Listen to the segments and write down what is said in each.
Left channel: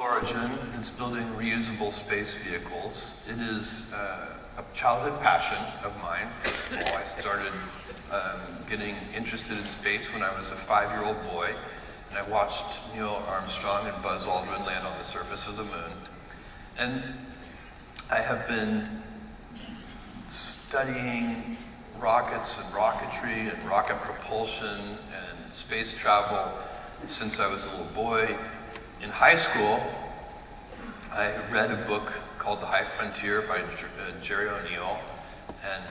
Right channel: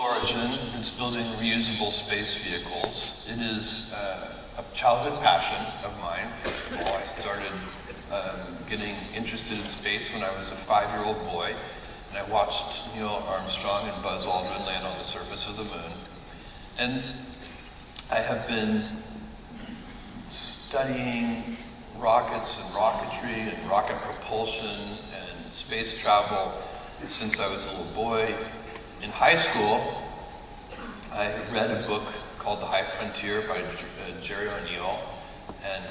Origin is building reusable space vehicles. It is a childhood passion of mine. First of all, I started getting interested in space when I was a 5-year-old boy, and I watched Neil Armstrong and Buzz Aldrin land on the surface of the moon. And I have been studying rockets and rocketry and rocket propulsion and space travel since I was a little boy. In high school, I read a book called The High Frontier by Jerry O'Neill, and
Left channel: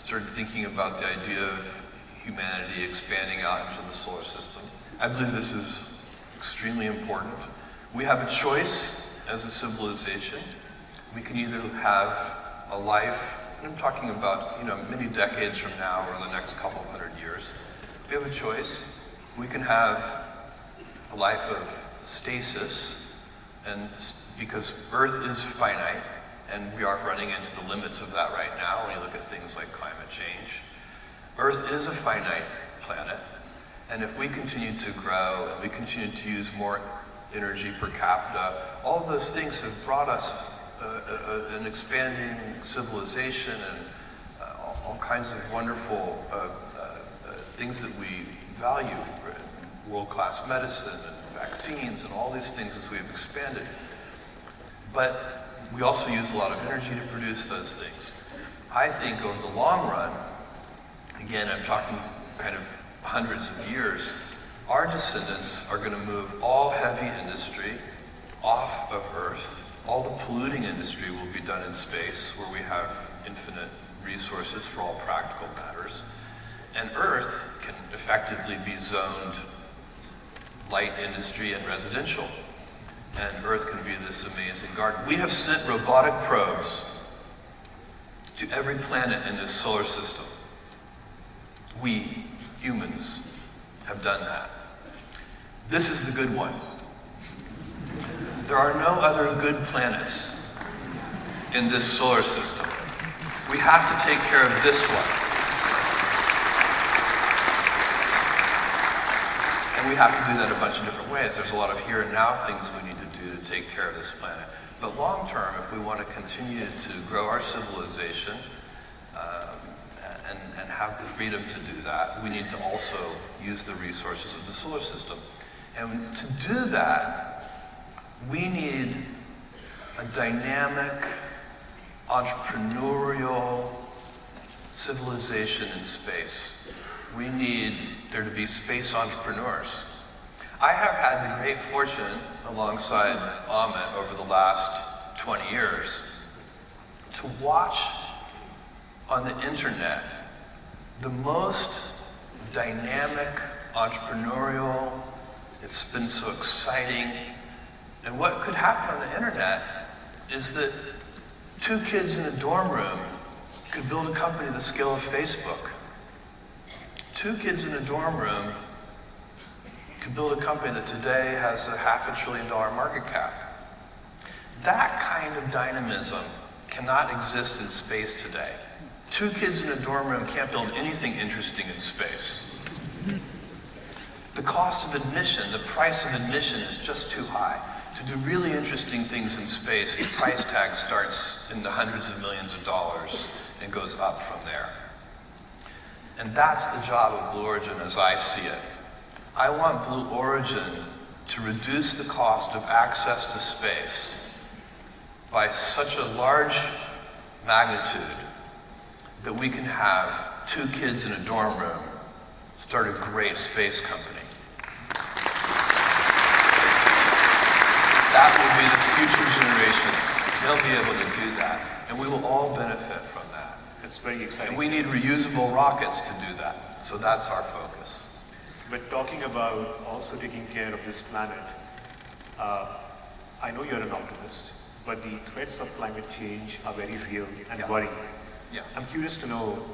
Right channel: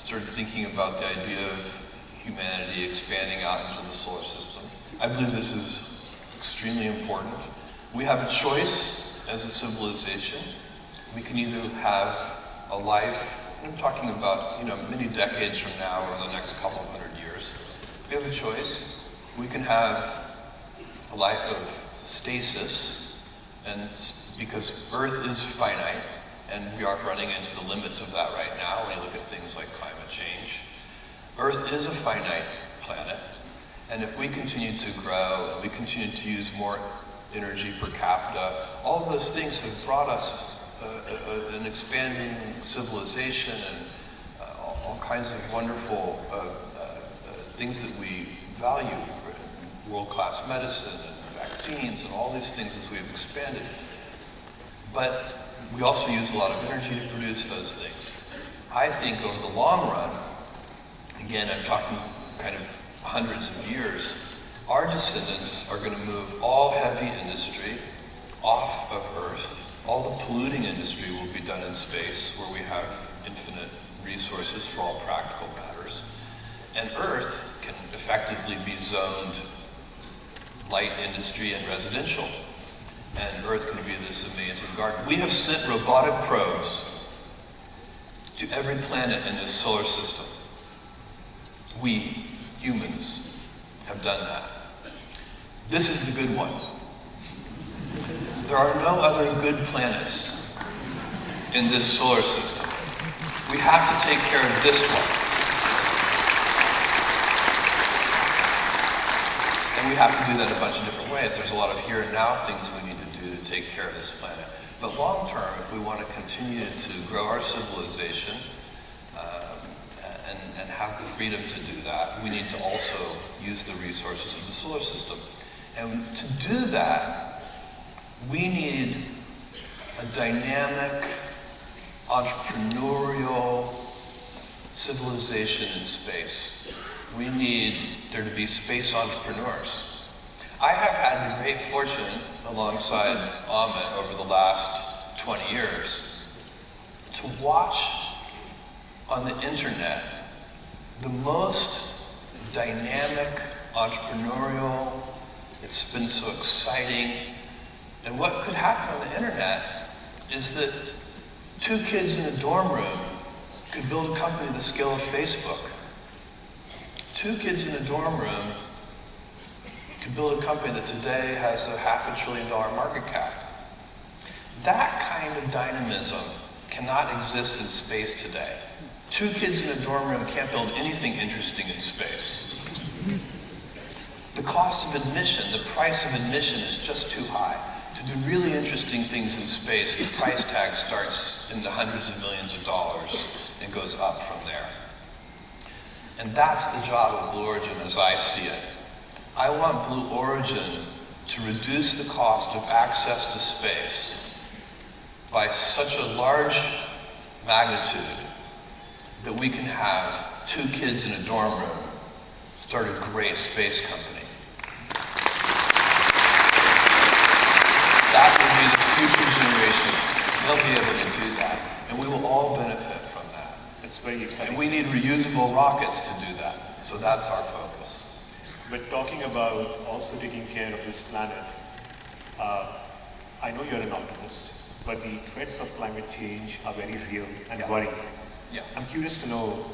started thinking about the idea of humanity expanding out into the solar system. I believe this is extremely important. We have a choice as a civilization. We can either have a life, and I'm talking about many decades from now or the next couple hundred years. We have a choice. We can have a life of stasis, and because Earth is finite, and we are running into the limits of that right now when you look at things like climate change. Earth is a finite planet, and if we continue to grow, and we continue to use more energy per capita, all of those things have brought us an expanding civilization and all kinds of wonderful things that we value, world-class medicine and vaccines and all these things as we've expanded. But we also use a lot of energy to produce those things. I think over the long run, again, I'm talking kind of hundreds of years, our descendants are going to move all heavy industry off of Earth. All the polluting industry will be done in space, where we have infinite resources for all practical matters. And Earth can effectively be zoned light industry and residential. And Earth can be this amazing garden. We have sent robotic probes to every planet in this solar system. We, humans, have done that. This is the good one. There are no other good planets in this solar system. We have to take care of this one. And we have to do that a bunch of different ways. There's a lot of here and now things we need to do to take care of this planet. But long term, if we want to continue to grow our civilization and have the freedom to do that, we need to also use the resources of the solar system. And to do that, we need a dynamic, entrepreneurial civilization in space. We need there to be space entrepreneurs. I have had the great fortune, alongside Amit over the last 20 years, to watch on the internet the most dynamic, entrepreneurial, it's been so exciting. And what could happen on the internet is that 2 kids in a dorm room could build a company the scale of Facebook. 2 kids in a dorm room could build a company that today has a $500 billion market cap. That kind of dynamism cannot exist in space today. 2 kids in a dorm room can't build anything interesting in space. The cost of admission, the price of admission is just too high. To do really interesting things in space, the price tag starts in the hundreds of millions of dollars and goes up from there. And that's the job of Blue Origin as I see it. I want Blue Origin to reduce the cost of access to space by such a large magnitude that we can have 2 kids in a dorm room start a great space company. That will be the future generations. They'll be able to do that. And we will all benefit from that. It's very exciting. And we need reusable rockets to do that. So that's our focus. But talking about also taking care of this planet, I know you're an optimist, but the threats of climate change are very real and worrying. Yeah. I'm curious to know